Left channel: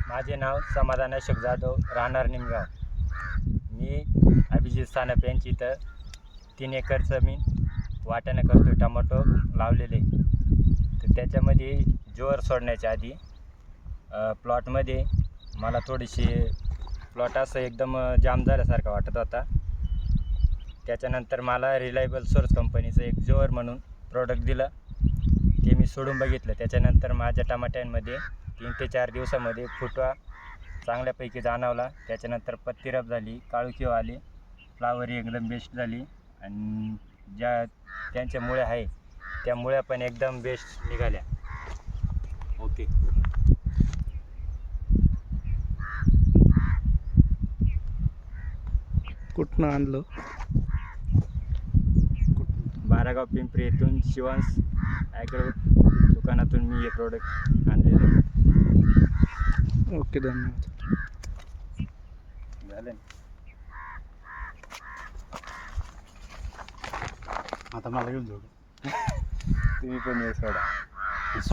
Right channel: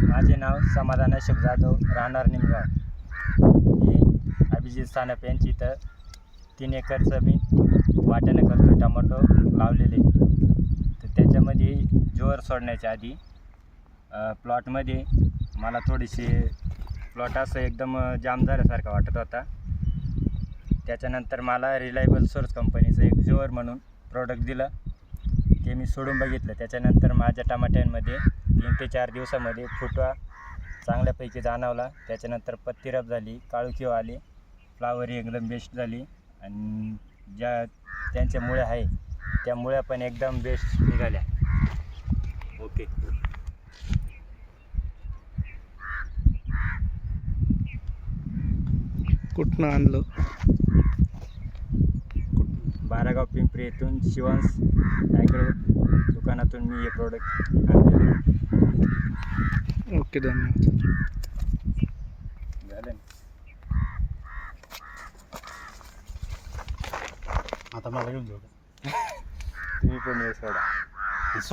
माझे नाव समाधान अशोक जाधव राहणार निमगाव. मी अभिजित सानप यांची इथं तीन एकर जमीन वाट्यानं करतो टमाटो लावलेले. तर त्याच्यामध्ये जोर सोडण्याच्या आधी प्लॉटमध्ये मला थोडीशी प्लॉट असं एकदम जाम झाल्यासारखा वाटत होता. त्याच्यानंतर मला रिलायबल सोर्स कंपनीचं एक जोअर म्हणून प्रोडक्ट दिलं. ते मी सोडून बघितलं. त्याच्यानंतर माझ्या टमाट्यांमध्ये तीन ते चार दिवसामध्ये फुटवा चांगल्यापैकी जाणवला. त्याच्यानंतर पत्तीरप झाली काळुकीव आली फ्लावरी एकदम बेस्ट झाली आणि ज्या त्यांच्या मुळ्या आहे त्या मुळ्या पण एकदम बेस्ट निघाल्या. ओके. कुठनं आणलं? बारागाव पिंपरी येथून शिवांश ॲग्रो दुकानातून मी हे प्रोडक्ट आणलेले ओके धन्यवाद झालं? आता मला घेऊन जाऊ का? तुम्ही पण हे सोडा